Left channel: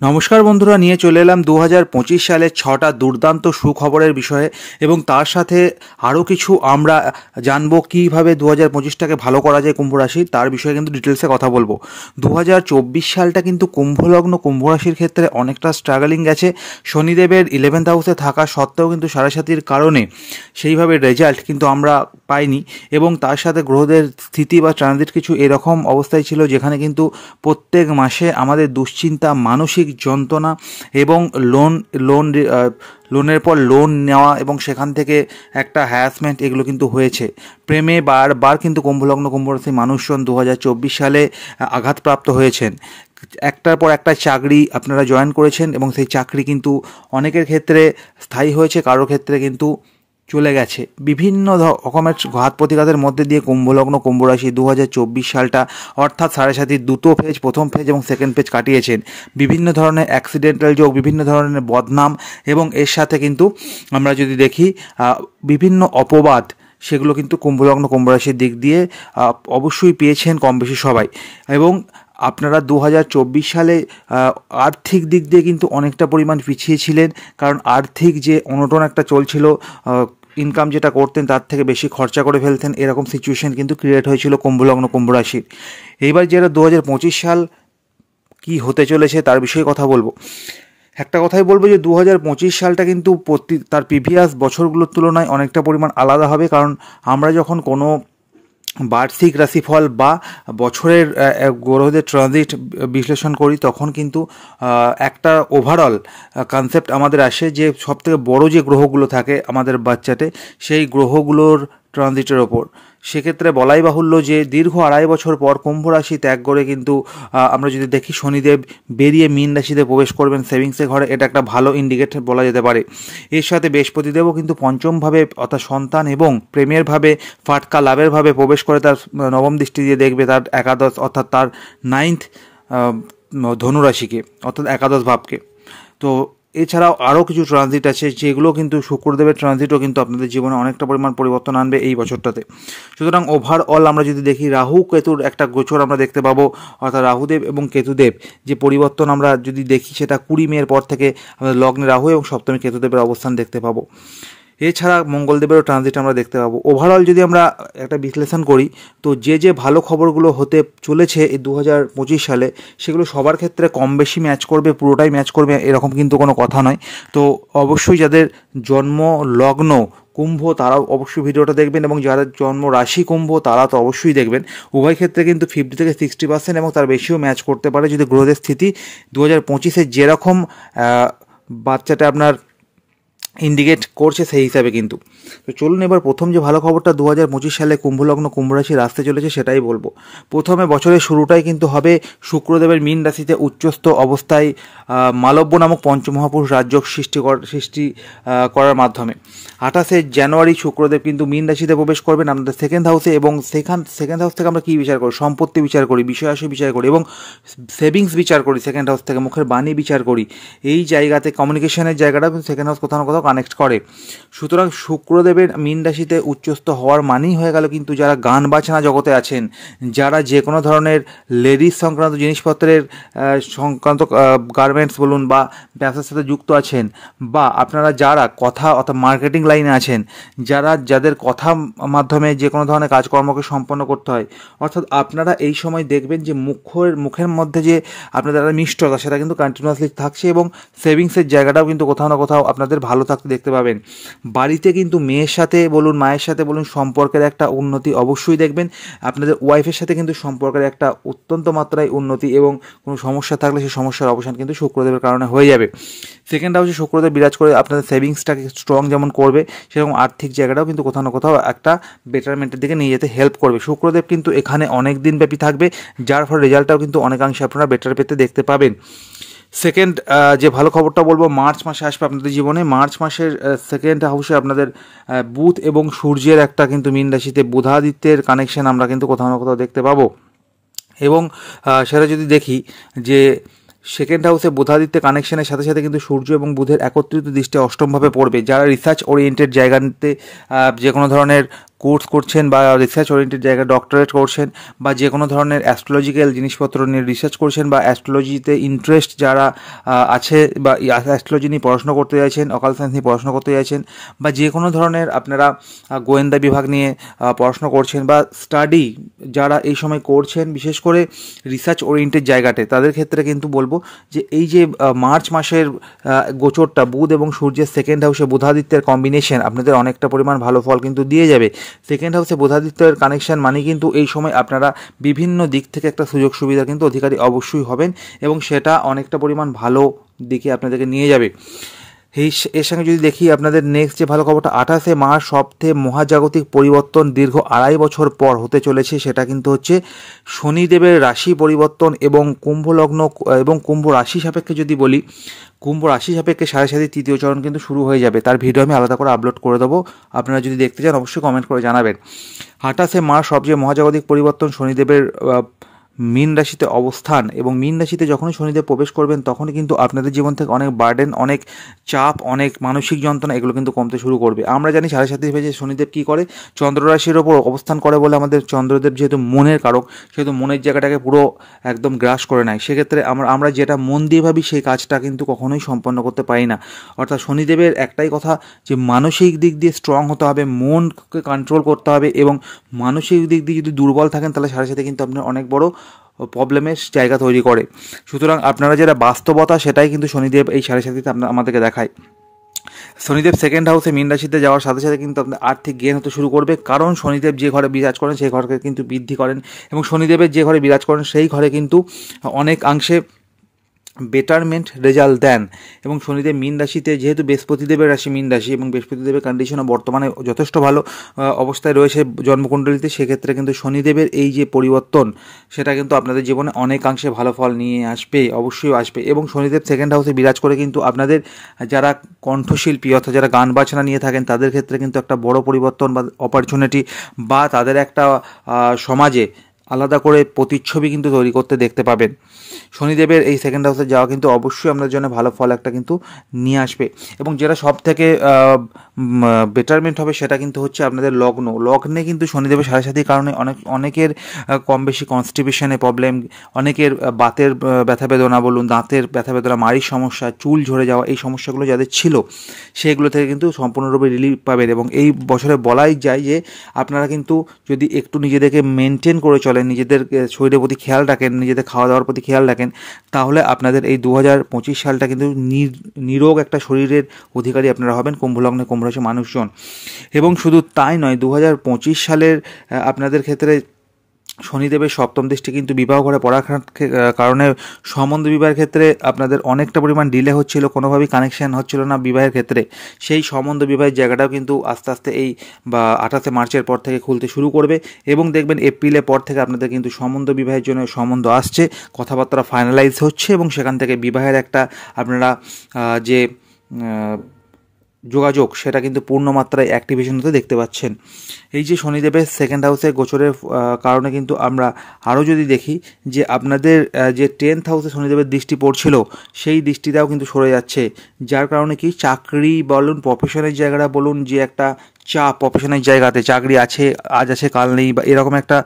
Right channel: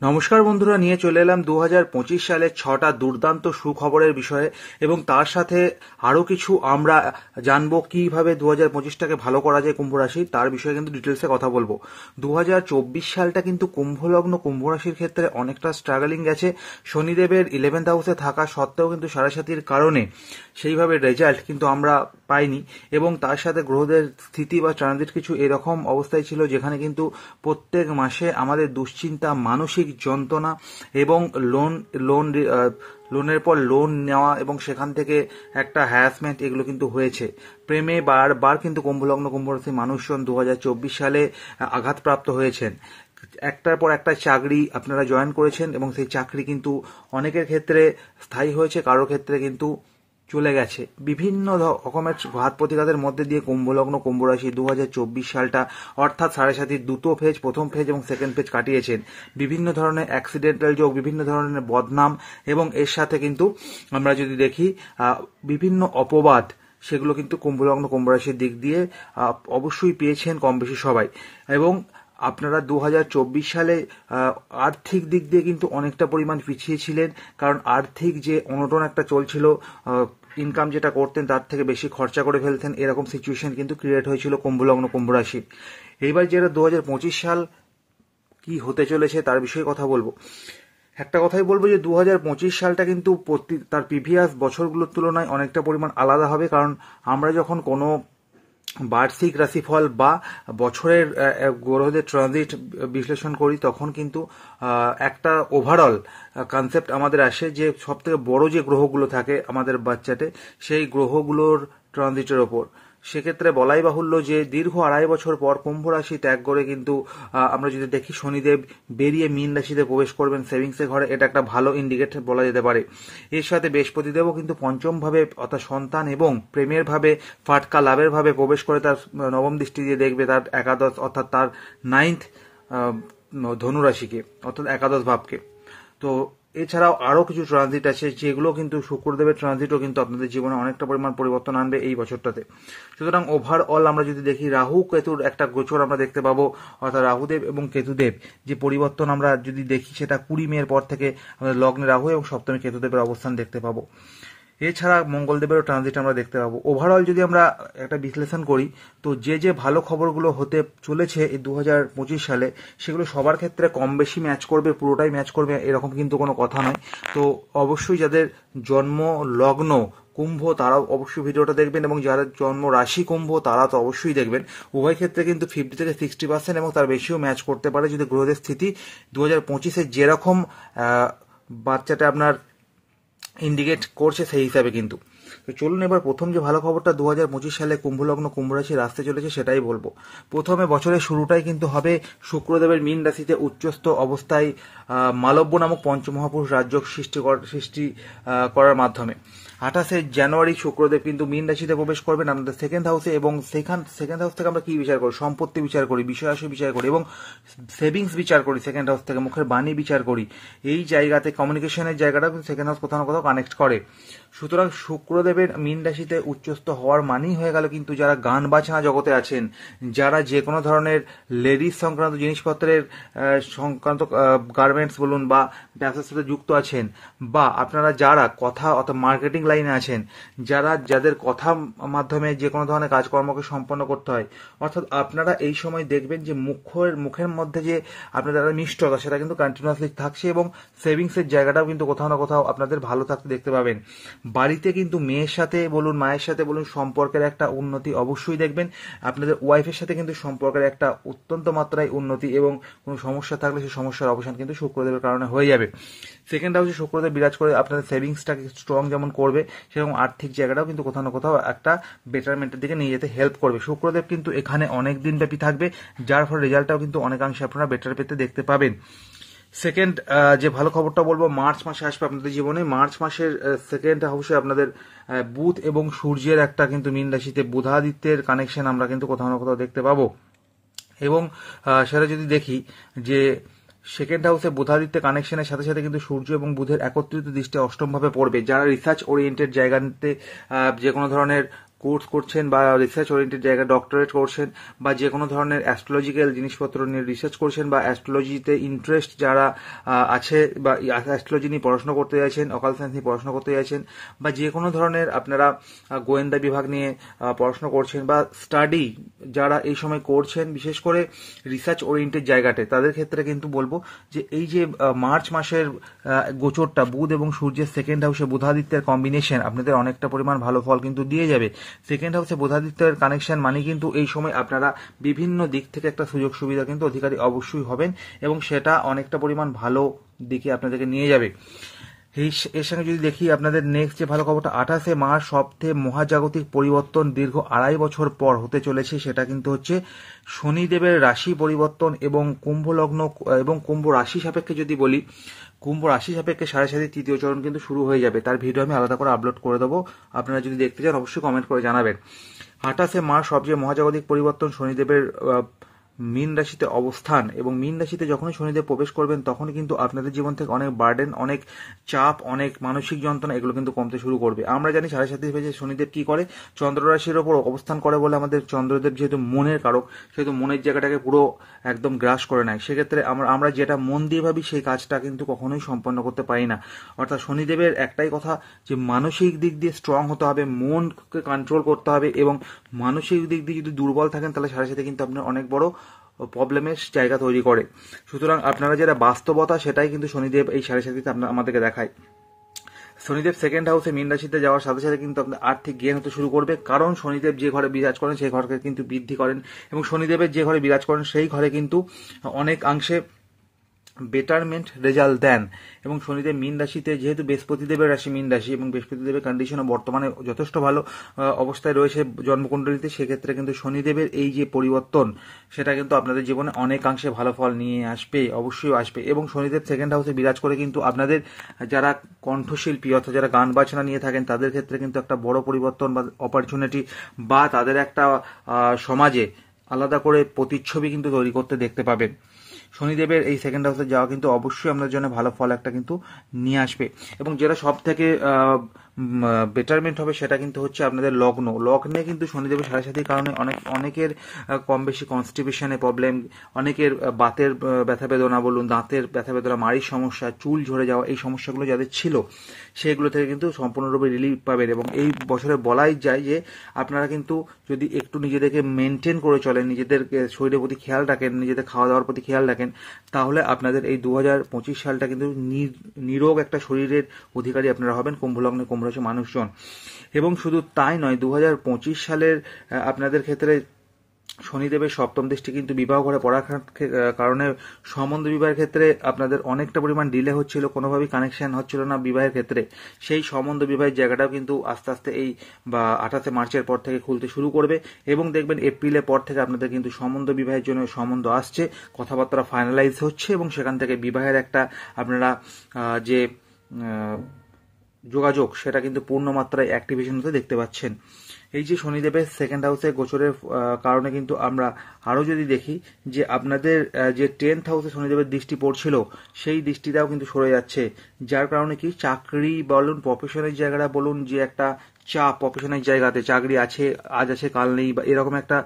নমস্কার বন্ধুরা, নিয়ে চলে এলাম 2025 সালের 6টা দুর্দান্ত সুখবরের বিষয়ে এবং তার সাথে আরও কিছু আমরা জানবো কীভাবে 2025টাকে ভালো করা যায় কুম্ভ রাশি, তার বিষয়ে কিন্তু ডিটেলসে কথা বলবো। 2024 সালটা কিন্তু কুম্ভলগ্ন কুম্ভ রাশির ক্ষেত্রে অনেকটা স্ট্রাগলিং গেছে। শনিদেবের 11th হাউসে থাকা সত্ত্বেও কিন্তু সাড়ে কারণে সেইভাবে রেজাল্ট কিন্তু আমরা পাইনি এবং তার সাথে গ্রহদের স্থিতি বা ট্রানজিট কিছু এরকম অবস্থায় ছিল যেখানে কিন্তু প্রত্যেক মাসে আমাদের দুশ্চিন্তা, মানসিক যন্ত্রণা এবং লোনের পর লোন নেওয়া এবং সেখান থেকে একটা হ্যারাসমেন্ট এগুলো কিন্তু হয়েছে। প্রেমে বারবার কিন্তু কুম্ভলগ্ন কুম্ভরাশি মানুষজন 2024 সালে আঘাতপ্রাপ্ত হয়েছেন। একটার পর একটা চাকরি আপনারা জয়েন করেছেন এবং সেই চাকরি কিন্তু অনেকের ক্ষেত্রে স্থায়ী হয়েছে, কারোর ক্ষেত্রে কিন্তু চলে গেছে। বিভিন্ন রকমের ঘাত প্রতিঘাতের মধ্যে দিয়ে কুম্ভলগ্ন কুম্ভরাশি 2024 সালটা অর্থাৎ সাড়ে দুটো ফেজ, প্রথম ফেজ এবং সেকেন্ড ফেজ কাটিয়েছেন। বিভিন্ন ধরনের অ্যাক্সিডেন্টাল যোগ, বিভিন্ন ধরনের বদনাম এবং এর সাথে কিন্তু আমরা যদি দেখি বিভিন্ন অপবাদ, সেগুলো কিন্তু কুম্ভলগ্ন কুম্ভরাশির দিক দিয়ে অবশ্যই পেয়েছেন কম বেশি সবাই। এবং আপনারা 2024 সালে আর্থিক দিক দিয়ে কিন্তু অনেকটা পরিমাণ পিছিয়ে ছিলেন, কারণ আর্থিক যে অনটন একটা চলছিল, ইনকাম যেটা করতেন তার থেকে বেশি খরচা করে ফেলতেন, এরকম সিচুয়েশন কিন্তু ক্রিয়েট হয়েছিল কুম্ভলগ্ন কুম্ভরাশির। এইবার যেটা 2025 সাল কি হতে চলেছে তার বিষয়ে কথা বলবো। একটা কথাই বলবো যে 2025 সালটা কিন্তু তার প্রিভিয়াস বছরগুলোর তুলনায় অনেকটা পরিমাণ আলাদা হবে, কারণ আমরা যখন কোনো বার্ষিক রাশিফল বা বছরের গ্রহদের ট্রানজিট বিশ্লেষণ করি তখন কিন্তু একটা ওভারঅল কনসেপ্ট আমাদের আসে যে সবথেকে বড় যে গ্রহগুলো থাকে আমাদের বাচ্চাতে, সেই গ্রহগুলোর ট্রানজিটের ওপর। সেক্ষেত্রে বলাই বাহুল্য যে দীর্ঘ 2.5 বছর পর কুম্ভ রাশি ত্যাগ করে কিন্তু আমরা যদি দেখি শনিদেব বেরিয়ে মীন রাশিতে প্রবেশ করবেন সেভিংসের ঘরে, এটা একটা ভালো ইন্ডিকেট বলা যেতে পারে। এর সাথে বৃহস্পতিদেবও কিন্তু পঞ্চমভাবে অর্থাৎ সন্তান এবং প্রেমের ভাবে, ফাটকা লাভের ভাবে প্রবেশ করে তার নবম দৃষ্টি দিয়ে দেখবে তার একাদশ অর্থাৎ তার 9th ধনুরাশিকে অর্থাৎ একাদশ ভাবকে। তো এছাড়াও আরও কিছু ট্রানজিট আছে যেগুলো কিন্তু শুক্রদেবের ট্রানজিটও কিন্তু আপনাদের জীবনে অনেকটা পরিমাণ পরিবর্তন আনবে এই বছরটাতে। সুতরাং ওভারঅল আমরা যদি দেখি রাহু কেতুর একটা গোচর আমরা দেখতে পাবো, অর্থাৎ রাহুদেব এবং কেতুদেব যে পরিবর্তন আমরা যদি দেখি সেটা 20 মের পর থেকে আমাদের লগ্নে রাহু এবং সপ্তমী কেতুদেবের অবস্থান দেখতে পাবো। এছাড়া মঙ্গলদেবেরও ট্রানজিট আমরা দেখতে পাবো। ওভারঅল যদি আমরা একটা বিশ্লেষণ করি তো যে ভালো খবরগুলো হতে চলেছে এই 2025 সালে সেগুলো সবার ক্ষেত্রে কম বেশি ম্যাচ করবে, পুরোটাই ম্যাচ করবে এরকম কিন্তু কোনো কথা নয়। তো অবশ্যই যাদের জন্ম লগ্ন কুম্ভ তারাও অবশ্যই ভিডিওটা দেখবেন এবং যাদের জন্ম রাশি কুম্ভ তারা তো অবশ্যই দেখবেন। উভয় ক্ষেত্রে কিন্তু 50 থেকে 60% এবং তার বেশিও ম্যাচ করতে পারে যদি গ্রহদের স্থিতি 2025-এ যেরকম বাচ্চাটা আপনার ইন্ডিকেট করছে সেই হিসাবে কিন্তু। তো চলুন এবার প্রথম যে ভালো খবরটা 2025 সালে কুম্ভলগ্ন কুম্ভরাশির আসতে চলেছে সেটাই বলবো। প্রথমে বছরের শুরুটাই কিন্তু হবে শুক্রদেবের মীন রাশিতে উচ্চস্থ অবস্থায় মালব্য নামক পঞ্চমহাপুরুষ রাজযোগ সৃষ্টি করার মাধ্যমে 28শে জানুয়ারি শুক্রদেব কিন্তু মীন রাশিতে প্রবেশ করবেন আমাদের সেকেন্ড হাউসে এবং সেকেন্ড হাউস থেকে আমরা কী বিচার করি? সম্পত্তি বিচার করি, বিষয়াশয় বিচার করি এবং সেভিংস বিচার করি। সেকেন্ড হাউস থেকে মুখের বাণী বিচার করি। এই জায়গাতে কমিউনিকেশনের জায়গাটা কিন্তু সেকেন্ড হাউস কোথাও না কোথাও কানেক্ট করে। সুতরাং শুক্রদেবের মীন রাশিতে উচ্চস্থ হওয়ার মানেই হয়ে গেল কিন্তু যারা গান বাজনা জগতে আছেন, যারা যে কোনো ধরনের লেডিস সংক্রান্ত জিনিসপত্রের সংক্রান্ত গার্মেন্টস বলুন বা ব্যবসার সাথে যুক্ত আছেন, বা আপনারা যারা কথা অর্থাৎ মার্কেটিং লাইনে আছেন, যাদের কথা মাধ্যমে যে কোনো ধরনের কাজকর্মকে সম্পন্ন করতে হয়, অর্থাৎ আপনারা এই সময় দেখবেন যে মুখের মধ্যে যে আপনাদের মিষ্টতা সেটা কিন্তু কন্টিনিউয়াসলি থাকছে এবং সেভিংসের জায়গাটাও কিন্তু কোথাও না কোথাও আপনাদের ভালো থাকতে দেখতে পাবেন। বাড়িতে কিন্তু মেয়ের সাথে বলুন, মায়ের সাথে বলুন, সম্পর্কের একটা উন্নতি অবশ্যই দেখবেন। আপনাদের ওয়াইফের সাথে কিন্তু সম্পর্কের একটা অত্যন্ত মাত্রায় উন্নতি এবং কোনো সমস্যা থাকলে সেই সমস্যার অবসান কিন্তু শুক্রদেবের কারণে হয়ে যাবে। সেকেন্ড হাউসে শুক্রদেব বিরাজ করে আপনাদের সেভিংসটাকে স্ট্রং যেমন করবে, সেরকম আর্থিক জায়গাটাও কিন্তু কোথাও না কোথাও একটা বেটারমেন্টের দিকে নিয়ে যেতে হেল্প করবে। শুক্রদেব কিন্তু এখানে অনেক দিন ব্যাপী থাকবে, যার ফলে রেজাল্টটাও কিন্তু অনেকাংশে আপনারা বেটার পেতে দেখতে পাবেন। সেকেন্ড যে ভালো খবরটা বলবো, মার্চ মাসে আসবে আপনাদের জীবনে। মার্চ মাসের সেকেন্ড হাউসে আপনাদের বুধ এবং সূর্যের একটা কিন্তু মীন রাশিতে বুধাদিত্যের কানেকশন আমরা কিন্তু কোথাও না কোথাও দেখতে পাবো। এবং সেটা যদি দেখি যে সেকেন্ড হাউসে বুধাদিত্যের কানেকশনের সাথে সাথে কিন্তু সূর্য এবং বুধের একত্রিত দৃষ্টি অষ্টমভাবে পড়বে। যারা রিসার্চ ওরিয়েন্টেড জায়গাতে যে কোনো ধরনের কোর্স করছেন বা রিসার্চ ওরিয়েন্টেড জায়গায় ডক্টরেট করছেন বা যে কোনো ধরনের অ্যাস্ট্রোলজিক্যাল জিনিসপত্র নিয়ে রিসার্চ করছেন বা অ্যাস্ট্রোলজিতে ইন্টারেস্ট যারা আছে বা অ্যাস্ট্রোলজি নিয়ে পড়াশোনা করতে চাইছেন, অকাল সায়েন্স নিয়ে পড়াশোনা করতে চাইছেন বা যে কোনো ধরনের আপনারা গোয়েন্দা বিভাগ নিয়ে পড়াশোনা করছেন বা স্টাডি যারা এই সময় করছেন, বিশেষ করে রিসার্চ ওরিয়েন্টেড জায়গাতে, তাদের ক্ষেত্রে কিন্তু বলবো যে এই যে মার্চ মাসের গোচরটা বুধ এবং সূর্যের সেকেন্ড হাউসে বুধাদিত্যের কম্বিনেশন আপনাদের অনেকটা পরিমাণ ভালো ফল কিন্তু দিয়ে যাবে। সেকেন্ড হাউসে বুধাদিত্যের কানেকশন মানে কিন্তু এই সময় আপনারা বিভিন্ন দিক থেকে একটা সুযোগ সুবিধা কিন্তু অধিকারী অবশ্যই হবেন এবং সেটা অনেকটা পরিমাণ ভালো দিকে আপনাদেরকে নিয়ে যাবে। এর সঙ্গে যদি দেখি আপনাদের নেক্সট যে ভালো খবরটা, 28শে মার্চ সবথেকে মহাজাগতিক পরিবর্তন দীর্ঘ 2.5 বছর পর হতে চলেছে, সেটা কিন্তু হচ্ছে শনিদেবের রাশি পরিবর্তন এবং কুম্ভ লগ্ন এবং কুম্ভ রাশি সাপেক্ষে যদি বলি, কুম্ভ রাশি সাপেক্ষে 7.5 তৃতীয় চরণ কিন্তু শুরু হয়ে যাবে। তার ভিডিও আমি আলাদা করে আপলোড করে দেবো, আপনারা যদি দেখতে চান অবশ্যই কমেন্ট করে জানাবেন। 28শে মার্চ সবচেয়ে মহাজাগতিক পরিবর্তন শনিদেবের মীন রাশিতে অবস্থান, এবং মীন রাশিতে যখনই শনিদেব প্রবেশ করবেন তখনই কিন্তু আপনাদের জীবন থেকে অনেক বার্ডেন, অনেক চাপ, অনেক মানসিক যন্ত্রণা এগুলো কিন্তু কমতে শুরু করবে। আমরা জানি 7.5 ভেজে শনিদেব কী করে, চন্দ্র রাশির ওপর অবস্থান করে বলে আমাদের চন্দ্রদেব যেহেতু মনের কারক, সেহেতু মনের জায়গাটাকে পুরো একদম গ্রাস করে নেয়। সেক্ষেত্রে আমরা যেটা মন দিয়ে ভাবি সেই কাজটা কিন্তু কখনোই সম্পন্ন করতে পারি না। অর্থাৎ শনিদেবের একটাই কথা যে মানসিক দিক দিয়ে স্ট্রং হতে হবে, মনকে কন্ট্রোল করতে হবে, এবং মানসিক দিক দিয়ে যদি দুর্বল থাকেন তাহলে 7.5 কিন্তু আপনার অনেক বড় প্রবলেমের জায়গা তৈরি করে। সুতরাং আপনারা যেটা বাস্তবতা সেটাই কিন্তু শনিদেব এই 7.5 আমাদেরকে দেখায়। শনিদেব সেকেন্ড হাউসে মীন রাশিতে যাওয়ার সাথে সাথে কিন্তু আপনার আর্থিক গেইন হতে শুরু করবে, কারণ শনিদেব যে ঘরে বিরাজ করেন সেই ঘরকে কিন্তু বৃদ্ধি করেন, এবং শনিদেবের যে ঘরে বিরাজ করেন সেই ঘরে কিন্তু অনেকাংশে বেটারমেন্ট রেজাল্ট দেন। এবং শনিদেব মীন রাশিতে, যেহেতু বৃহস্পতিদেবের রাশি মীন রাশি এবং বৃহস্পতিদেবের কন্ডিশনও বর্তমানে যথেষ্ট ভালো অবস্থায় রয়েছে জন্মকুণ্ডলিতে, সেক্ষেত্রে কিন্তু শনিদেবের এই যে পরিবর্তন সেটা কিন্তু আপনাদের জীবনে অনেকাংশে ভালো ফল নিয়ে আসবে, অবশ্যই আসবে। এবং শনিদেব সেকেন্ড হাউসে বিরাজ করে কিন্তু আপনাদের যারা কণ্ঠশিল্পী অর্থাৎ যারা গান বাজনা নিয়ে থাকেন তাদের ক্ষেত্রে কিন্তু একটা বড় পরিবর্তন বা অপরচুনিটি বা তাদের একটা সমাজে আলাদা করে প্রতিচ্ছবি কিন্তু তৈরি করতে দেখতে পাবেন। শনিদেবের এই সেকেন্ড হাউসে যাওয়া কিন্তু অবশ্যই আপনাদের জন্য ভালো ফল একটা কিন্তু নিয়ে আসবে। এবং যেটা সব থেকে বেটারমেন্ট হবে সেটা কিন্তু হচ্ছে আপনাদের লগ্নে কিন্তু শনিদেবের 7.5 কারণে অনেকের কম বেশি কনস্টিপেশনে প্রবলেম, অনেকের বাতের ব্যথা বেদনা বলুন, দাঁতের ব্যথা বেদনা, মাড়ির সমস্যা, চুল ঝরে যাওয়া, এই সমস্যাগুলো যাদের ছিল সেগুলো থেকে কিন্তু সম্পূর্ণরূপে রিলিফ পাবেন। এবং এই বছরে বলাই যায় যে আপনারা কিন্তু যদি একটু নিজেদেরকে মেনটেন করে চলেন, নিজেদের শরীরের প্রতি খেয়াল রাখেন, নিজেদের খাওয়া দাওয়ার প্রতি খেয়াল রাখেন, তাহলে আপনাদের এই 2025 সালটা কিন্তু নিরোগ একটা শরীরের অধিকারী আপনারা হবেন, কুম্ভলগ্নে কুম্ভ রাশি মানুষজন। এবং শুধু তাই নয়, 2025 সালের আপনাদের ক্ষেত্রে শনিদেবের সপ্তম দৃষ্টি কিন্তু বিবাহ ঘরে পড়ার কারণে সম্বন্ধ বিবাহের ক্ষেত্রে আপনাদের অনেকটা পরিমাণ ডিলে হচ্ছিল, কোনোভাবেই কানেকশন হচ্ছিল না বিবাহের ক্ষেত্রে। সেই সম্বন্ধ বিবাহের জায়গাটাও কিন্তু আস্তে আস্তে এই 28 মার্চের পর থেকে খুলতে শুরু করবে, এবং দেখবেন এপ্রিলের পর থেকে আপনাদের কিন্তু সম্বন্ধ বিবাহের জন্য সম্বন্ধ আসছে, কথাবার্তা ফাইনালাইজ হচ্ছে, এবং সেখান থেকে বিবাহের একটা আপনারা যে যোগাযোগ সেটা কিন্তু পূর্ণমাত্রায় অ্যাক্টিভেশন হতে দেখতে পাচ্ছেন। এই যে শনিদেবের সেকেন্ড হাউসে গোচরের কারণে কিন্তু আমরা আরও যদি দেখি যে আপনাদের যে 10th হাউসে শনিদেবের দৃষ্টি পড়ছিল সেই দৃষ্টিটাও কিন্তু সরে যাচ্ছে, যার কারণে কি চাকরি বলুন, প্রফেশনের জায়গাটা বলুন, যে একটা চাপ প্রফেশনের জায়গাতে, চাকরি আছে আজ আছে কাল নেই, বা এরকম একটা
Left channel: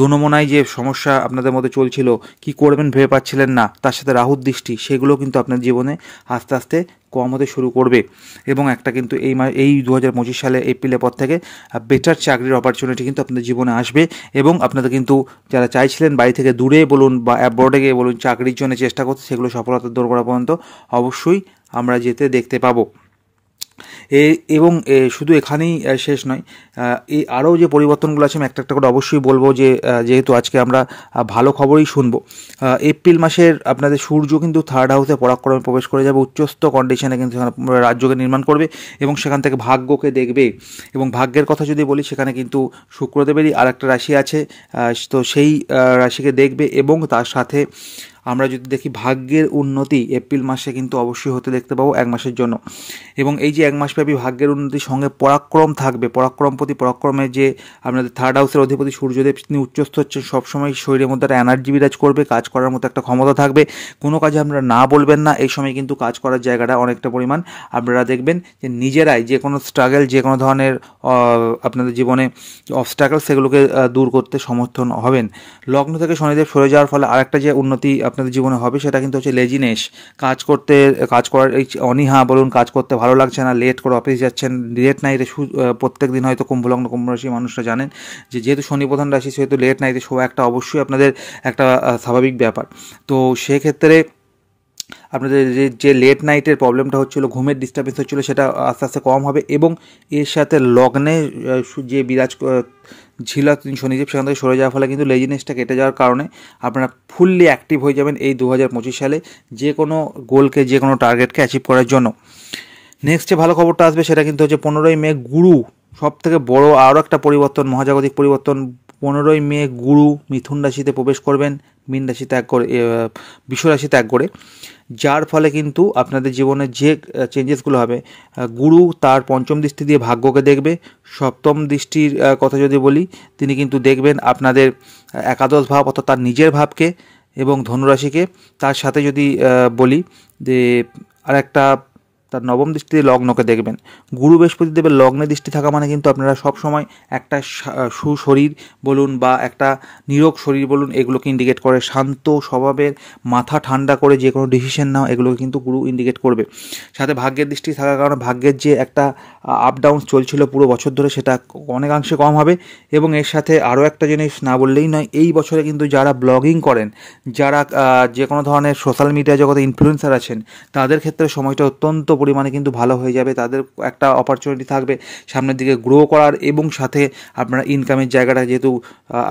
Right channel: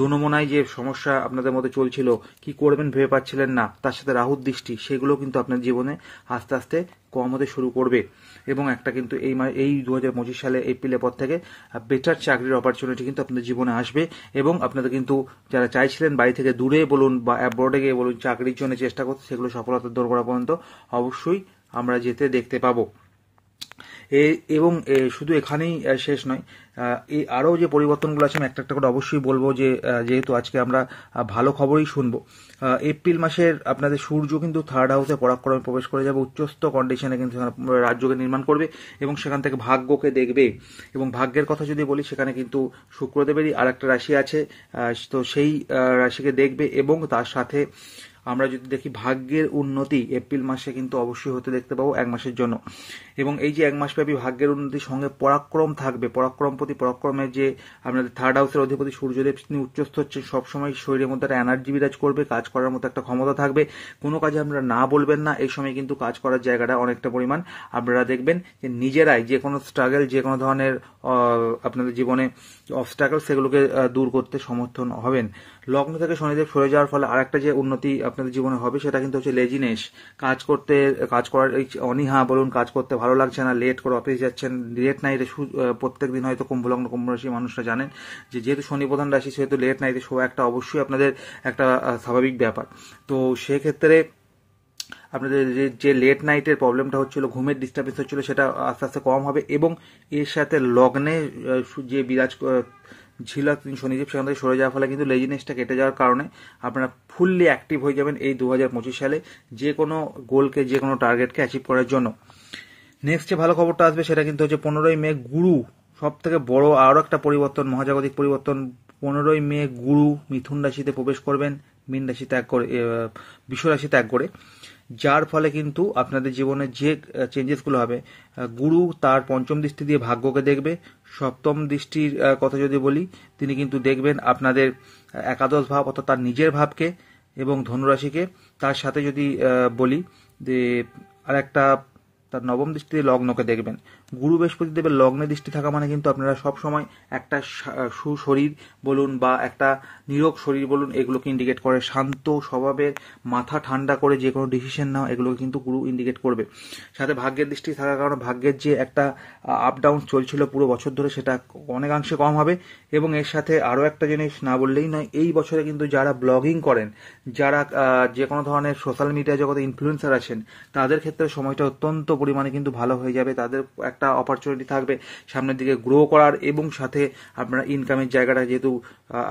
দোনমনায় যে সমস্যা আপনাদের মধ্যে চলছিল, কি করবেন ভেবে পাচ্ছিলেন না, তার সাথে রাহুর দৃষ্টি, সেগুলো কিন্তু আপনার জীবনে আস্তে আস্তে কম হতে শুরু করবে। এবং একটা কিন্তু এই 2025 সালে এপ্রিলের পর থেকে বেটার চাকরির অপরচুনিটি কিন্তু আপনাদের জীবনে আসবে, এবং আপনাদের কিন্তু যারা চাইছিলেন বাড়ি থেকে দূরে বলুন বা অ্যাব্রডে গিয়ে বলুন চাকরির জন্য চেষ্টা করতে, সেগুলো সফলতার দোরগোড়া পর্যন্ত অবশ্যই আমরা যেতে দেখতে পাবো। এবং শুধু এখানেই শেষ নয়, এই আরও যে পরিবর্তনগুলো আছে আমি একটা একটা করে অবশ্যই বলবো, যে যেহেতু আজকে আমরা ভালো খবরই শুনবো। এপ্রিল মাসের আপনাদের সূর্য কিন্তু 3rd হাউসে পরাক্রমে প্রবেশ করে যাবে, উচ্চস্থ কন্ডিশনে কিন্তু রাজ্যকে নির্মাণ করবে, এবং সেখান থেকে ভাগ্যকে দেখবে। এবং ভাগ্যের কথা যদি বলি, সেখানে কিন্তু শুক্রদেবেরই আর একটা রাশি আছে, তো সেই রাশিকে দেখবে, এবং তার সাথে আমরা যদি দেখি ভাগ্যের উন্নতি এপ্রিল মাসে কিন্তু অবশ্যই হতে দেখতে পাবো 1 মাসের জন্য। এবং এই যে 1 মাসব্যাপী ভাগ্যের উন্নতির সঙ্গে পরাক্রম থাকবে, পরাক্রমপতি পরাক্রমে যে আপনাদের 3rd হাউসের অধিপতি সূর্যদেব তিনি উচ্চস্থ হচ্ছেন, সবসময় শরীরের মধ্যে একটা এনার্জি বিরাজ করবে, কাজ করার মতো একটা ক্ষমতা থাকবে, কোনো কাজে আপনারা না বলবেন না। এই সময় কিন্তু কাজ করার জায়গাটা অনেকটা পরিমাণ আপনারা দেখবেন যে নিজেরাই যে কোনো স্ট্রাগল, যে কোনো ধরনের আপনাদের জীবনে অবস্ট্রাগল সেগুলোকে দূর করতে সমর্থন হবেন। লগ্ন থেকে শনিদেব সরে যাওয়ার ফলে আরেকটা যে উন্নতি আপনাদের জীবনে হবে সেটা কিন্তু হচ্ছে লেজিনেস, কাজ করার এই অনীহা বলুন, কাজ করতে ভালো লাগছে না, লেট করে অফিস যাচ্ছেন, লেট নাইটে প্রত্যেক দিন হয়তো কুম্ভলগ্ন কুম্ভ রাশি মানুষরা জানেন যে যেহেতু শনি প্রধান রাশি সেহেতু লেট নাইটে শোয়া একটা অবশ্যই আপনাদের একটা স্বাভাবিক ব্যাপার। তো সেক্ষেত্রে আপনাদের যে লেট নাইটের প্রবলেমটা হচ্ছিলো, ঘুমের ডিস্টার্বেন্স হচ্ছিলো, সেটা আস্তে আস্তে কম হবে। এবং এর সাথে লগ্নে যে বিরাজ ছিল শনিদেব সেখান থেকে সরে যাওয়ার ফলে কিন্তু লেজিনেসটা কেটে যাওয়ার কারণে আপনারা ফুললি অ্যাক্টিভ হয়ে যাবেন এই 2025 সালে যে কোনো গোলকে, যে কোনো টার্গেটকে অ্যাচিভ করার জন্য। নেক্সট যে ভালো খবরটা আসবে সেটা কিন্তু হচ্ছে 15ই মে গুরু, সব থেকে বড় আরও একটা পরিবর্তন, মহাজাগতিক পরিবর্তন। 15ই মে গুরু মিথুন রাশিতে প্রবেশ করবেন, মীন রাশি ত্যাগ করে বৃষ রাশি ত্যাগ করে, যার ফলে কিন্তু আপনাদের জীবনে যে চেঞ্জেসগুলো হবে, গুরু তার পঞ্চম দৃষ্টি দিয়ে ভাগ্যকে দেখবে। সপ্তম দৃষ্টির কথা যদি বলি, তিনি কিন্তু দেখবেন আপনাদের একাদশ ভাব অর্থাৎ তার নিজের ভাবকে এবং ধনুরাশিকে। তার সাথে যদি বলি যে আর একটা তার নবম দৃষ্টিতে লগ্নকে দেখবেন। গুরু বৃহস্পতি দেবের লগ্নে দৃষ্টি থাকা মানে কিন্তু আপনারা সবসময় একটা সুশরীর বলুন বা একটা নিরোগ শরীর বলুন, এগুলোকে ইন্ডিকেট করে। শান্ত স্বভাবের, মাথা ঠান্ডা করে যে কোনো ডিসিশন নাও, এগুলোকে কিন্তু গুরু ইন্ডিকেট করবে। সাথে ভাগ্যের দৃষ্টি থাকার কারণে ভাগ্যের যে একটা আপ ডাউন চলছিল পুরো বছর ধরে, সেটা অনেকাংশে কম হবে। এবং এর সাথে আরও একটা জিনিস না বললেই নয়, এই বছরে কিন্তু যারা ব্লগিং করেন, যারা যে কোনো ধরনের সোশ্যাল মিডিয়া জগতে ইনফ্লুয়েন্সার আছেন, তাদের ক্ষেত্রে সময়টা অত্যন্ত পরিমাণে কিন্তু ভালো হয়ে যাবে। তাদের একটা অপরচুনিটি থাকবে সামনের দিকে গ্রো করার, এবং সাথে আপনারা ইনকামের জায়গাটা যেহেতু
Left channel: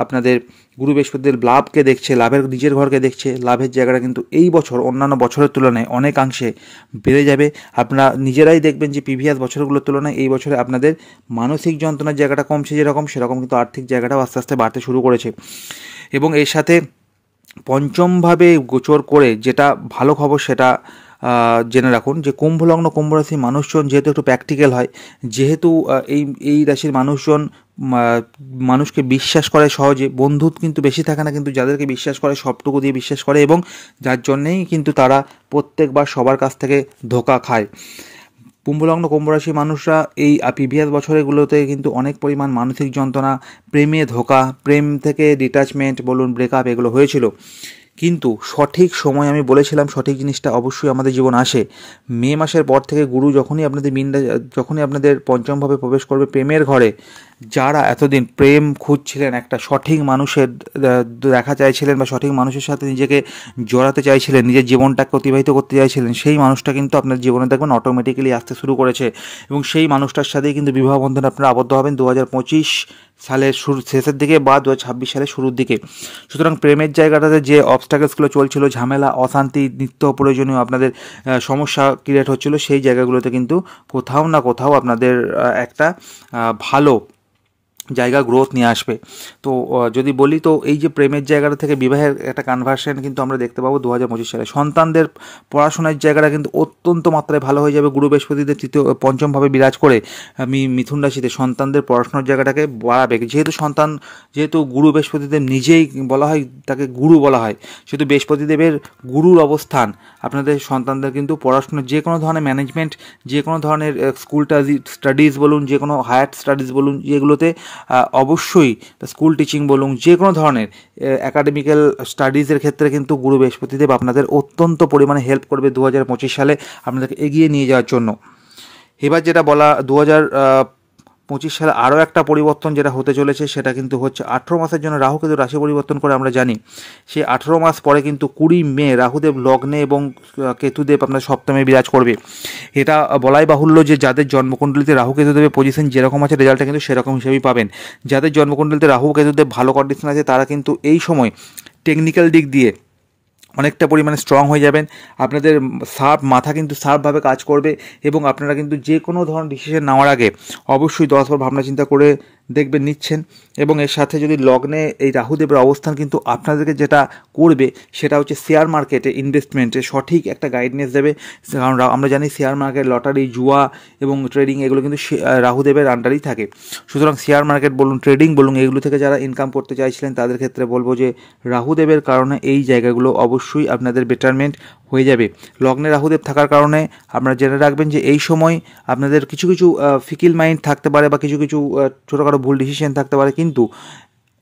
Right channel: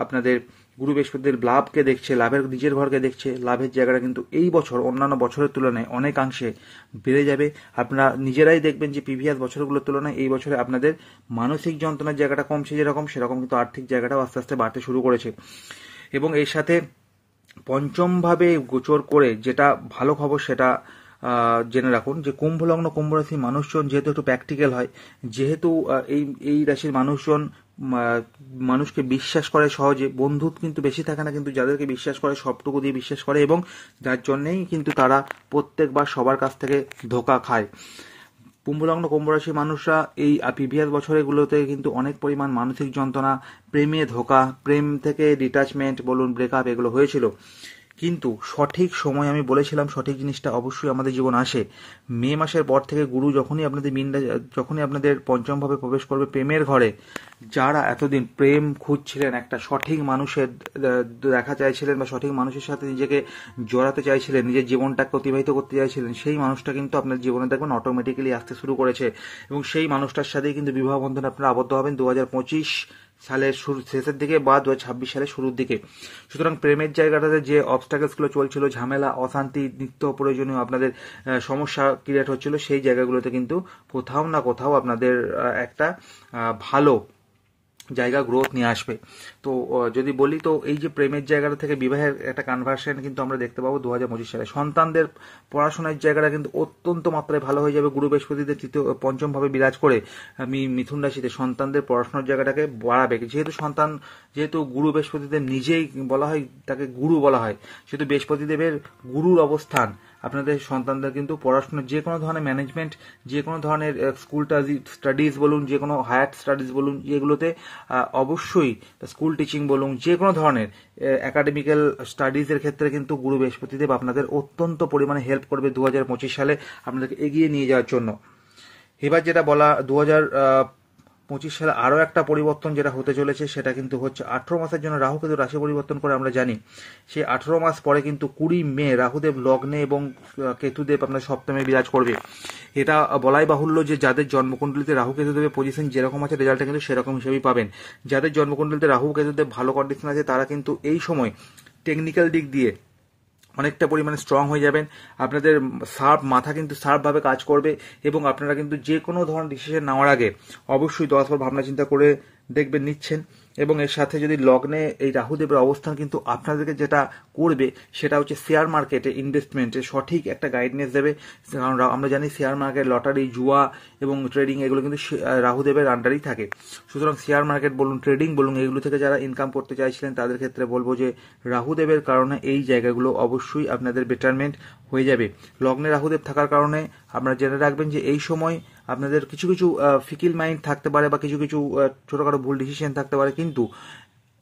আপনাদের গুরু বৃহস্পতির লাভকে দেখছে, লাভের নিজের ঘরকে দেখছে, লাভের জায়গাটা কিন্তু এই বছর অন্যান্য বছরের তুলনায় অনেকাংশে বেড়ে যাবে। আপনারা নিজেরাই দেখবেন যে প্রিভিয়াস বছরগুলোর তুলনায় এই বছরে আপনাদের মানসিক যন্ত্রণার জায়গাটা কমছে যেরকম, সেরকম কিন্তু আর্থিক জায়গাটাও আস্তে আস্তে বাড়তে শুরু করেছে। এবং এর সাথে পঞ্চমভাবে গোচর করে যেটা ভালো খবর সেটা জেনে রাখুন যে কুম্ভলগ্ন কুম্ভ রাশির মানুষজন যেহেতু একটু প্র্যাকটিক্যাল হয়, যেহেতু এই রাশির মানুষজন মানুষকে বিশ্বাস করে সহজে, বন্ধু কিন্তু বেশি থাকে না, কিন্তু যাদেরকে বিশ্বাস করে সবটুকু দিয়ে বিশ্বাস করে, এবং যার জন্যেই কিন্তু তারা প্রত্যেকবার সবার কাছ থেকে ধোঁকা খায়। কুম্ভলগ্ন কুম্ভ রাশির মানুষরা এই প্রিভিয়াস বছরগুলোতে কিন্তু অনেক পরিমাণ মানসিক যন্ত্রণা, প্রেমে ধোঁকা, প্রেম থেকে ডিট্যাচমেন্ট বলুন, ব্রেকআপ এগুলো হয়েছিল। কিন্তু সঠিক সময় আমি বলেছিলাম সঠিক জিনিসটা অবশ্যই আমাদের জীবন আসে। মে মাসের পর থেকে গুরু যখনই আপনাদের পঞ্চমভাবে প্রবেশ করবে প্রেমের ঘরে, যারা এতদিন প্রেম খুঁজছিলেন, একটা সঠিক মানুষের দেখা চাইছিলেন বা সঠিক মানুষের সাথে নিজেকে জড়াতে চাইছিলেন, নিজের জীবনটাকে অতিবাহিত করতে চাইছিলেন, সেই মানুষটা কিন্তু আপনার জীবনে দেখবেন অটোমেটিক্যালি আসতে শুরু করেছে। এবং সেই মানুষটার সাথেই কিন্তু বিবাহ বন্ধনে আপনারা আবদ্ধ হবেন 2025 সালের শেষের দিকে বা 2026 সালের শুরুর দিকে। সুতরাং প্রেমের জায়গাটাতে যে অবস্ট্যাকলসগুলো চলছিল, ঝামেলা, অশান্তি, নিত্য প্রয়োজনীয় আপনাদের সমস্যা ক্রিয়েট হচ্ছিল, সেই জায়গাগুলোতে কিন্তু কোথাও না কোথাও আপনাদের একটা ভালো জায়গা গ্রোথ নিয়ে আসবে। তো যদি বলি তো এই যে প্রেমের জায়গাটা থেকে বিবাহের একটা কনভার্সন কিন্তু আমরা দেখতে পাবো 2025 সালে। সন্তানদের পড়াশোনার জায়গাটা কিন্তু অত্যন্ত মাত্রায় ভালো হয়ে যাবে। গুরু বৃহস্পতিদের পঞ্চমভাবে বিরাজ করে মিথুন রাশিতে সন্তানদের পড়াশোনার জায়গাটাকে বাড়াবে। যেহেতু গুরু বৃহস্পতিদেব নিজেই বলা হয়, তাকে গুরু বলা হয়, সেহেতু বৃহস্পতিদেবের গুরুর অবস্থান আপনাদের সন্তানদের কিন্তু পড়াশোনার যে কোনো ধরনের ম্যানেজমেন্ট, যে কোনো ধরনের স্কুল স্টাডিজ বলুন, যে কোনো হায়ার স্টাডিজ বলুন, যেগুলোতে অবশ্যই স্কুল টিচিং বলুন, যে কোনো ধরনের অ্যাকাডেমিক্যাল স্টাডিজের ক্ষেত্রে কিন্তু গুরু বৃহস্পতিদেব আপনাদের অত্যন্ত পরিমাণে হেল্প করবে 2025 সালে আপনাদেরকে এগিয়ে নিয়ে যাওয়ার জন্য। এবার যেটা বলা 2025 সালে আরও একটা পরিবর্তন যেটা হতে চলেছে সেটা কিন্তু হচ্ছে 18 মাসের জন্য রাহু কেতু রাশি পরিবর্তন করে আমরা জানি। সেই 18 মাস পরে কিন্তু 20 মে রাহুদেব লগ্নে এবং কেতুদেব আপনার সপ্তমে বিরাজ করবে। এটা বলাই বাহুল্য যে যাদের জন্মকুণ্ডলিতে রাহু কেতুদেবের পজিশন যেরকম আছে, রেজাল্টটা কিন্তু সেরকম হিসেবেই পাবেন। যাদের জন্মকুণ্ডলিতে রাহু কেতুদেব ভালো কন্ডিশন আছে, তারা কিন্তু এই সময় টেকনিক্যাল দিক দিয়ে অনেকটা পরিমাণে স্ট্রং হয়ে যাবেন। আপনাদের মাথা কিন্তু শার্পভাবে কাজ করবে, এবং আপনারা কিন্তু যে কোনো ধরনের ডিসিশন নেওয়ার আগে অবশ্যই 10 বার ভাবনা চিন্তা করে দেখবেন নিচ্ছেন। এবং এর সাথে যদি লগ্নে এই রাহুদেবের অবস্থান কিন্তু আপনাদেরকে যেটা করবে সেটা হচ্ছে শেয়ার মার্কেটে ইনভেস্টমেন্টে সঠিক একটা গাইডনেস দেবে। কারণ আমরা জানি শেয়ার মার্কেট, লটারি, জুয়া এবং ট্রেডিং এগুলো কিন্তু রাহুদেবের আন্ডারেই থাকে। সুতরাং শেয়ার মার্কেট বলুন, ট্রেডিং বলুন, এগুলো থেকে যারা ইনকাম করতে চাইছিলেন তাদের ক্ষেত্রে বলবো যে রাহুদেবের কারণে এই জায়গাগুলো অবশ্যই আপনাদের বেটারমেন্ট হয়ে যাবে। লগ্নে রাহুদেব থাকার কারণে আপনারা জেনে রাখবেন যে এই সময় আপনাদের কিছু কিছু ফিকিল মাইন্ড থাকতে পারে বা কিছু কিছু ছোটোখাটো ভুল ডিসিশন থাকতে পারে, কিন্তু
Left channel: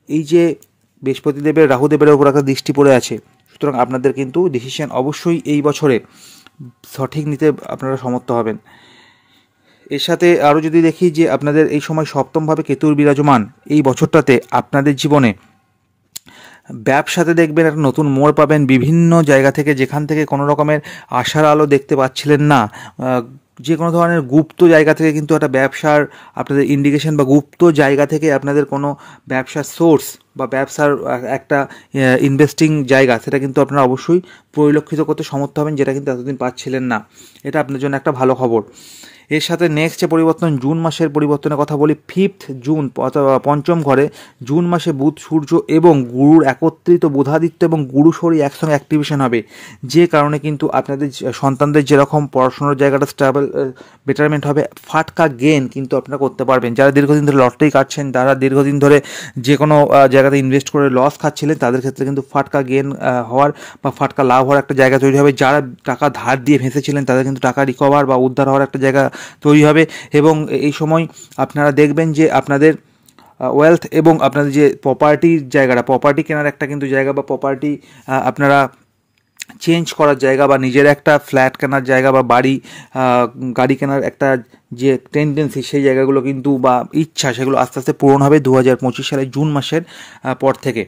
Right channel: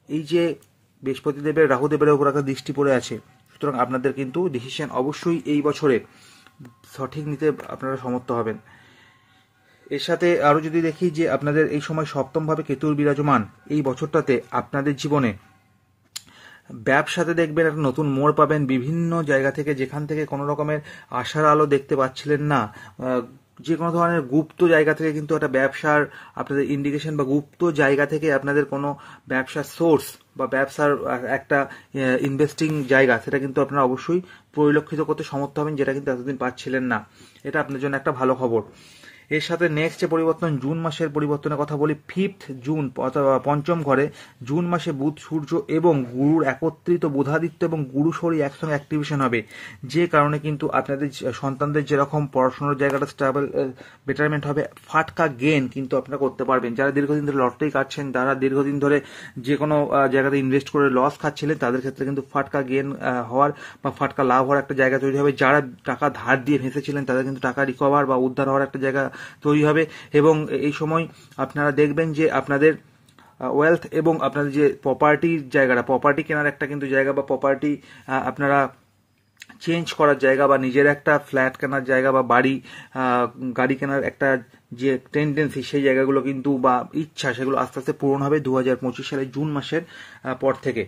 এই যে বৃহস্পতিদেবের রাহুদেবের উপর একটা দৃষ্টি পড়ে আছে, সুতরাং আপনাদের কিন্তু ডিসিশন অবশ্যই এই বছরে সঠিক নিতে আপনারা সমর্থ হবেন। এর সাথে আরও যদি দেখি যে আপনাদের এই সময় সপ্তমভাবে কেতুর বিরাজমান, এই বছরটাতে আপনাদের জীবনে ব্যবসাতে দেখবেন একটা নতুন মোড় পাবেন। বিভিন্ন জায়গা থেকে, যেখান থেকে কোনো রকমের আশার আলো দেখতে পাচ্ছিলেন না, যে কোনো ধরনের গুপ্ত জায়গা থেকে কিন্তু একটা ব্যবসার আপনাদের ইন্ডিকেশন বা গুপ্ত জায়গা থেকে আপনাদের কোনো ব্যবসার সোর্স বা ব্যবসার একটা ইনভেস্টিং জায়গা, সেটা কিন্তু আপনারা অবশ্যই পরিলক্ষিত করতে সমর্থ হবেন, যেটা কিন্তু এতদিন পাচ্ছিলেন না। এটা আপনার জন্য একটা ভালো খবর। এর সাথে নেক্সট যে পরিবর্তন, জুন মাসের পরিবর্তনের কথা বলি। 5 জুন অথবা পঞ্চম ঘরে জুন মাসে বুধ, সূর্য এবং গুরুর একত্রিত, বুধাদিত্য এবং গুরু শনি একসঙ্গে অ্যাক্টিভেশন হবে, যে কারণে কিন্তু আপনাদের সন্তানদের যেরকম পড়াশোনার জায়গাটা স্টেবল বেটারমেন্ট হবে, ফাটকা গেন কিন্তু আপনারা করতে পারবেন। যারা দীর্ঘদিন ধরে লটারি কাটছেন, যারা দীর্ঘদিন ধরে যে কোনো জায়গাতে ইনভেস্ট করে লস খাচ্ছিলেন, তাদের ক্ষেত্রে কিন্তু ফাটকা গেন হওয়ার বা ফাটকা লাভ হওয়ার একটা জায়গা তৈরি হবে। যারা টাকা ধার দিয়ে ভেসেছিলেন তাদের কিন্তু টাকা রিকভার বা উদ্ধার হওয়ার একটা জায়গা তৈরি হবে। এবং এই সময় আপনারা দেখবেন যে আপনাদের ওয়েলথ এবং আপনাদের যে প্রপার্টির জায়গাটা, প্রপার্টি কেনার একটা কিন্তু জায়গা বা প্রপার্টি আপনারা চেঞ্জ করার জায়গা বা নিজের একটা ফ্ল্যাট কেনার জায়গা বা গাড়ি কেনার একটা যে টেন্ডেন্সি, সেই জায়গাগুলো কিন্তু বা ইচ্ছা, সেগুলো আস্তে আস্তে পূরণ হবে 2025 সালের জুন মাসের পর থেকে।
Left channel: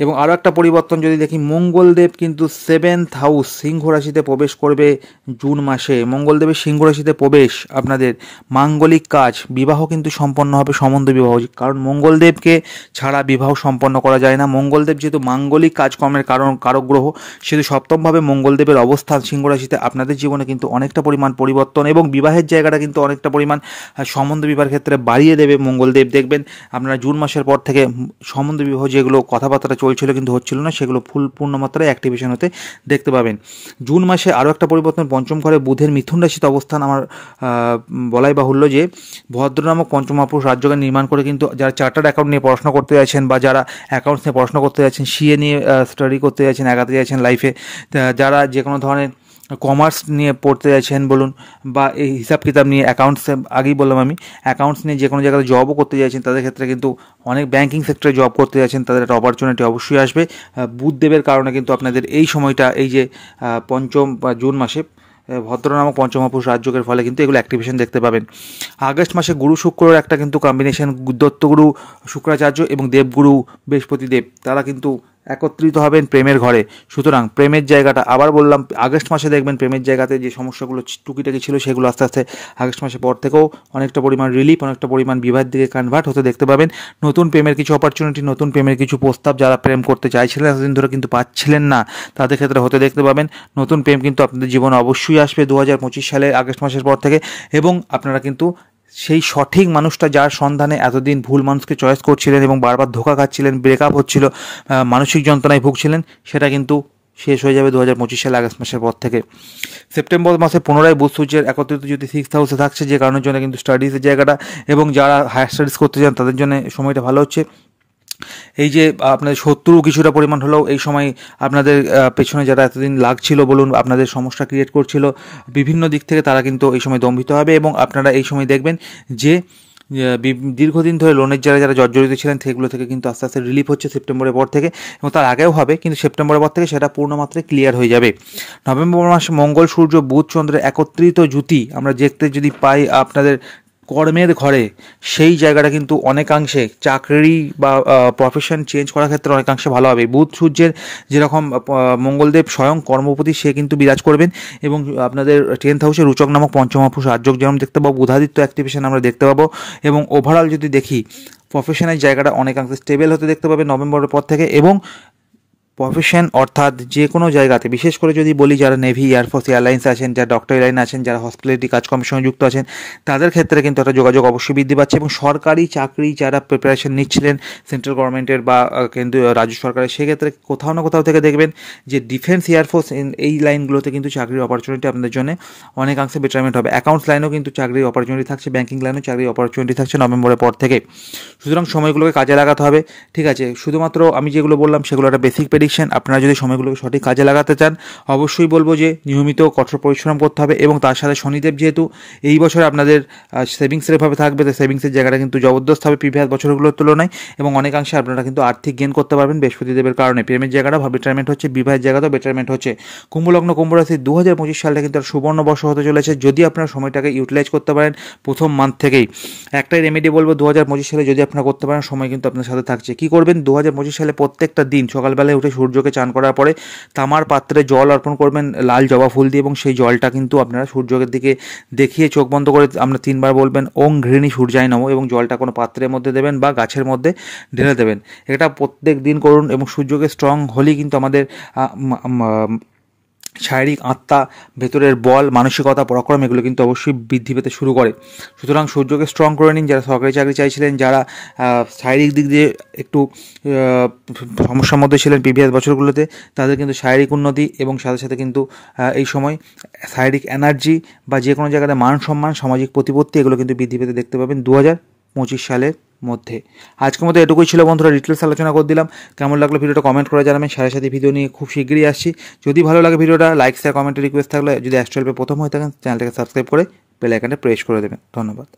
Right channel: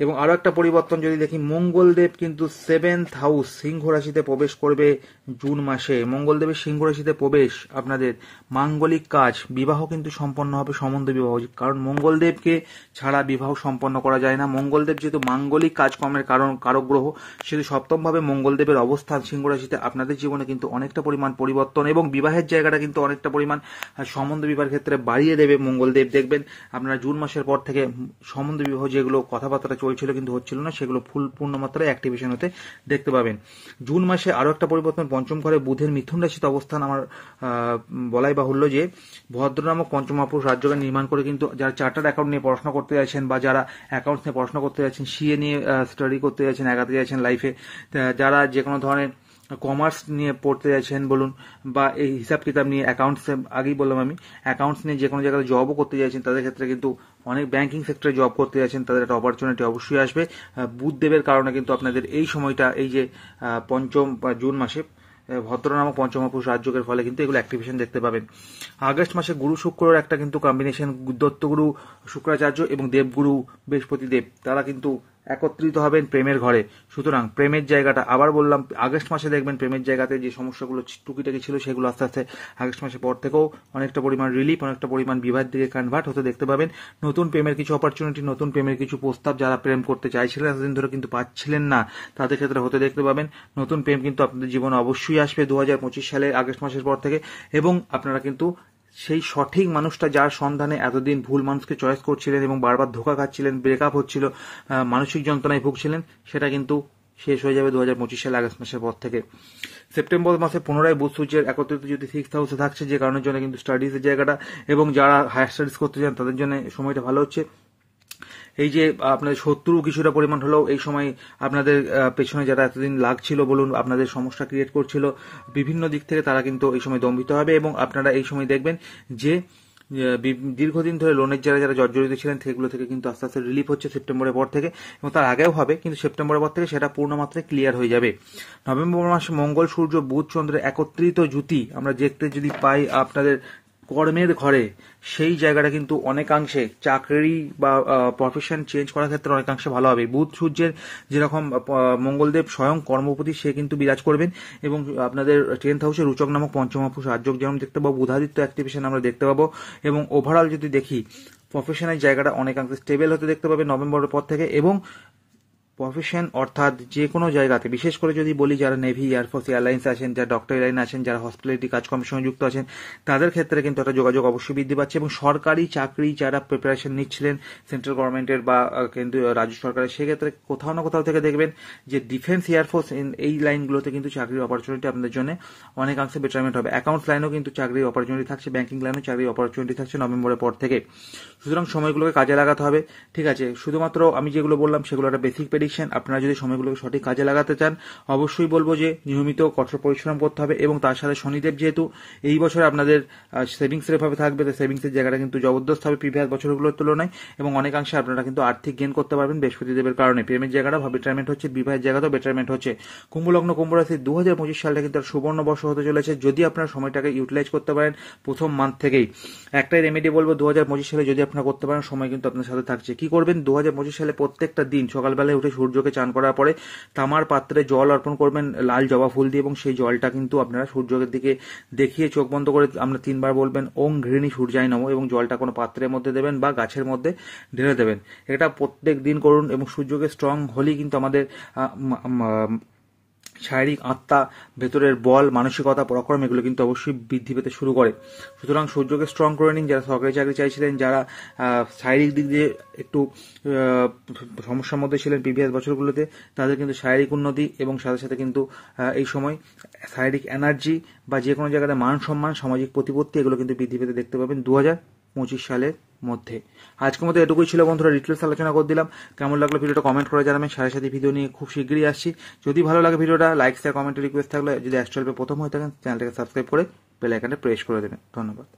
এবং আরও একটা পরিবর্তন যদি দেখি, মঙ্গলদেব কিন্তু 7th হাউস সিংহ রাশিতে প্রবেশ করবে জুন মাসে। মঙ্গলদেবের সিংহ রাশিতে প্রবেশ আপনাদের মাঙ্গলিক কাজ, বিবাহ কিন্তু সম্পন্ন হবে, সম্বন্ধ বিবাহ, কারণ মঙ্গলদেবকে ছাড়া বিবাহ সম্পন্ন করা যায় না। মঙ্গলদেব যেহেতু মাঙ্গলিক কাজকর্মের কারক গ্রহ, সেহেতু সপ্তমভাবে মঙ্গলদেবের অবস্থান সিংহ রাশিতে আপনাদের জীবনে কিন্তু অনেকটা পরিমাণ পরিবর্তন এবং বিবাহের জায়গাটা কিন্তু অনেকটা পরিমাণ সম্বন্ধ বিবাহের ক্ষেত্রে বাড়িয়ে দেবে মঙ্গলদেব। দেখবেন আপনারা জুন মাসের পর থেকে সম্বন্ধ বিবাহ যেগুলো কথাবার্তা চলছিল কিন্তু হচ্ছিল না, সেগুলো পূর্ণমাত্রায় অ্যাক্টিভেশন হতে দেখতে পাবেন। জুন মাসে আরও একটা পরিবর্তন, পঞ্চম ঘরে বুধের মিথুন রাশিতে অবস্থান। আমার বলাই বাহুল্য যে ভদ্র নামক পঞ্চম মহাপুরুষ রাজযোগ নির্মাণ করে কিন্তু যারা চার্টার্ড অ্যাকাউন্ট নিয়ে পড়াশোনা করতে যাচ্ছেন বা যারা অ্যাকাউন্টস নিয়ে পড়াশোনা করতে যাচ্ছেন, সিএ নিয়ে স্টাডি করতে যাচ্ছেন, এগাতে যাচ্ছেন লাইফে, যারা যে কোনো ধরনের কমার্স নিয়ে পড়তে যাচ্ছেন বলুন বা এই হিসাব কিতাব নিয়ে, অ্যাকাউন্টস আগেই বললাম আমি, অ্যাকাউন্টস নিয়ে যে কোনো জায়গায় জবও করতে চাইছেন, তাদের ক্ষেত্রে কিন্তু অনেক ব্যাঙ্কিং সেক্টরে জব করতে যাচ্ছেন, তাদের একটা অপরচুনিটি অবশ্যই আসবে বুধদেবের কারণে। কিন্তু আপনাদের এই সময়টা, এই যে পঞ্চম বা জুন মাসে ভদ্র নামক পঞ্চম মহাপুরুষ রাজযোগের ফলে কিন্তু এগুলো অ্যাক্টিভেশন দেখতে পাবেন। আগস্ট মাসে গুরু শুক্রের একটা কিন্তু কম্বিনেশন, দত্তগুরু শুক্রাচার্য এবং দেবগুরু বৃহস্পতিদেব, তারা কিন্তু একত্রিত হবেন প্রেমের ঘরে। সুতরাং প্রেমের জায়গাটা, আবার বললাম, আগস্ট মাসে দেখবেন প্রেমের জায়গাতে যে সমস্যাগুলো টুকিটাকি ছিল, সেগুলো আস্তে আস্তে আগস্ট মাসের পর থেকেও অনেকটা পরিমাণ রিলিফ, অনেকটা পরিমাণ বিবাহের দিকে কনভার্ট হতে দেখতে পাবেন। নতুন প্রেমের কিছু অপরচুনিটি, নতুন প্রেমের কিছু প্রস্তাব, যারা প্রেম করতে চাইছিলেন এতদিন ধরে কিন্তু পাচ্ছিলেন না, তাদের ক্ষেত্রে হতে দেখতে পাবেন। নতুন প্রেম কিন্তু আপনাদের জীবনে অবশ্যই আসবে 2025 সালে আগস্ট মাসের পর থেকে। এবং আপনারা কিন্তু সেই সঠিক মানুষটা, যার সন্ধানে এতদিন ভুল মানুষকে চয়েস করছিলেন এবং বারবার ধোঁকা খাচ্ছিলেন, ব্রেকআপ হচ্ছিল, মানসিক যন্ত্রণায় ভুগছিলেন, সেটা কিন্তু শেষ হয়ে যাবে 2025 সালে আগস্ট মাসের পর থেকে। সেপ্টেম্বর মাসে পুনরায় বুধ সূর্যের একত্রিত যদি 6th হাউসে থাকছে, যে কারণের জন্য কিন্তু স্টাডিজের জায়গাটা এবং যারা হায়ার স্টাডিজ করতে চান তাদের জন্য সময়টা ভালো হচ্ছে। এই যে আপনাদের শত্রু কিছুটা পরিমাণ হলেও এই সময় আপনাদের পেছনে যারা এতদিন লাগছিল বলুন, আপনাদের সমস্যা ক্রিয়েট করছিল বিভিন্ন দিক থেকে, তারা কিন্তু এই সময় দম্ভিত হবে। এবং আপনারা এই সময় দেখবেন যে দীর্ঘদিন ধরে লোনের যারা জর্জরিত ছিলেন, সেগুলো থেকে কিন্তু আস্তে আস্তে রিলিফ হচ্ছে সেপ্টেম্বরের পর থেকে, এবং তার আগেও হবে, কিন্তু সেপ্টেম্বরের পর থেকে সেটা পূর্ণমাত্রায় ক্লিয়ার হয়ে যাবে। নভেম্বর মাসে মঙ্গল, সূর্য, বুধ, চন্দ্রের একত্রিত জুতি আমরা দেখতে যদি পাই আপনাদের কর্মের ঘরে, সেই জায়গাটা কিন্তু অনেকাংশে চাকরি বা প্রফেশন চেঞ্জ করার ক্ষেত্রে অনেকাংশে ভালো হবে। বুধ সূর্যের যেরকম মঙ্গলদেব স্বয়ং কর্মপতি, সে কিন্তু বিরাজ করবেন এবং আপনাদের 10th হাউসে রুচক নামক পঞ্চম মহাপুরুষ রাজযোগ যেমন দেখতে পাবো, বুধাদিত্য অ্যাক্টিভেশন আমরা দেখতে পাবো। এবং ওভারঅল যদি দেখি, প্রফেশনের জায়গাটা অনেকাংশে স্টেবল হতে দেখতে পাবে নভেম্বরের পর থেকে। এবং প্রফেশন অর্থাৎ যে কোনো জায়গাতে, বিশেষ করে যদি বলি যারা নেভি, এয়ারফোর্স, এয়ারলাইন্স আছেন, যারা ডক্টরি লাইন আছেন, যারা হসপিটালিটি কাজকর্মের সঙ্গে যুক্ত আছেন, তাদের ক্ষেত্রে কিন্তু একটা যোগাযোগ অবশ্যই বৃদ্ধি পাচ্ছে। এবং সরকারি চাকরি যারা প্রিপারেশন নিচ্ছিলেন সেন্ট্রাল গভর্নমেন্টের বা কিন্তু রাজ্য সরকারের, সেক্ষেত্রে কোথাও না কোথাও থেকে দেখবেন যে ডিফেন্স, এয়ারফোর্স এই লাইনগুলোতে কিন্তু চাকরির অপরচুনিটি আপনাদের জন্য অনেকাংশে বেটারমেন্ট হবে। অ্যাকাউন্টস লাইনেও কিন্তু চাকরির অপরচুনিটি থাকছে, ব্যাঙ্কিং লাইনেও চাকরির অপরচুনিটি থাকছে নভেম্বরের পর থেকে। সুতরাং সময়গুলোকে কাজে লাগাতে হবে। ঠিক আছে, শুধুমাত্র আমি যেগুলো বললাম সেগুলো একটা বেসিক প্রেডিকশন। আপনারা যদি সময়গুলোকে সঠিক কাজে লাগাতে চান, অবশ্যই বলবো যে নিয়মিত কঠোর পরিশ্রম করতে হবে। এবং তার সাথে শনিদেব যেহেতু এই বছর আপনাদের সেভিংসের ভাবে থাকবে, তো সেভিংসের জায়গাটা কিন্তু জবরদস্ত হবে প্রিভিয়াস বছরগুলোর তুলনায়, এবং অনেকাংশে আপনারা কিন্তু আর্থিক গেন করতে পারবেন বৃহস্পতিদেবের কারণে। প্রেমের জায়গাটা বেটারমেন্ট হচ্ছে, বিবাহের জায়গাটাও বেটারমেন্ট হচ্ছে। কুম্ভলগ্ন কুম্ভ রাশি 2025 সালটা কিন্তু সুবর্ণ বর্ষ হতে চলেছে যদি আপনারা সময়টাকে ইউটিলাইজ করতে পারেন প্রথম মান্থ থেকেই। একটাই রেমেডি বলবো, 2025 সালে যদি আপনারা করতে পারেন, সময় কিন্তু আপনার সাথে থাকছে। কি করবেন, 2025 সালে প্রত্যেকটা দিন সকালবেলায় উঠে সূর্যকে চান করার পরে তামার পাত্রে জল অর্পণ করবেন লাল জবা ফুল দিয়ে, এবং সেই জলটা কিন্তু আপনারা সূর্যের দিকে দেখিয়ে চোখ বন্ধ করে আমরা 3 বার বলবেন ওং ঘৃণী সূর্যায় নমঃ, এবং জলটা কোনো পাত্রের মধ্যে দেবেন বা গাছের মধ্যে ঢেলে দেবেন। এটা প্রত্যেক দিন করুন, এবং সূর্যকে স্ট্রং হলেই কিন্তু আমাদের শারীরিক আত্মা, ভেতরের বল, মানসিকতা, পরাক্রম এগুলো কিন্তু অবশ্যই বৃদ্ধি পেতে শুরু করে। সুতরাং সূর্যকে স্ট্রং করে নিন। যারা সরকারি চাকরি চাইছিলেন, যারা শারীরিক দিক দিয়ে একটু সমস্যার মধ্যে ছিলেন প্রিভিয়াস বছরগুলোতে, তাদের কিন্তু শারীরিক উন্নতি এবং সাথে সাথে কিন্তু এই সময় শারীরিক এনার্জি বা যে কোনো জায়গাতে মান সম্মান, সামাজিক প্রতিপত্তি এগুলো কিন্তু বৃদ্ধি পেতে দেখতে পাবেন 2025 সালের মধ্যে। আজকের মতো এটুকুই ছিল বন্ধুরা, ডিটেলস আলোচনা করে দিলাম। কেমন লাগলো ভিডিওটা কমেন্ট করে জানাবেন। সাথে সাথে ভিডিও নিয়ে খুব শীঘ্রই আসছি। যদি ভালো লাগে ভিডিওটা, লাইক, শেয়ার, কমেন্টে রিকোয়েস্ট থাকলে, যদি অ্যাস্ট্রো হেল্পে প্রথম হয়ে থাকেন চ্যানেলটাকে সাবস্ক্রাইব করে বেল আইকনটা প্রেস করে দেবেন। ধন্যবাদ।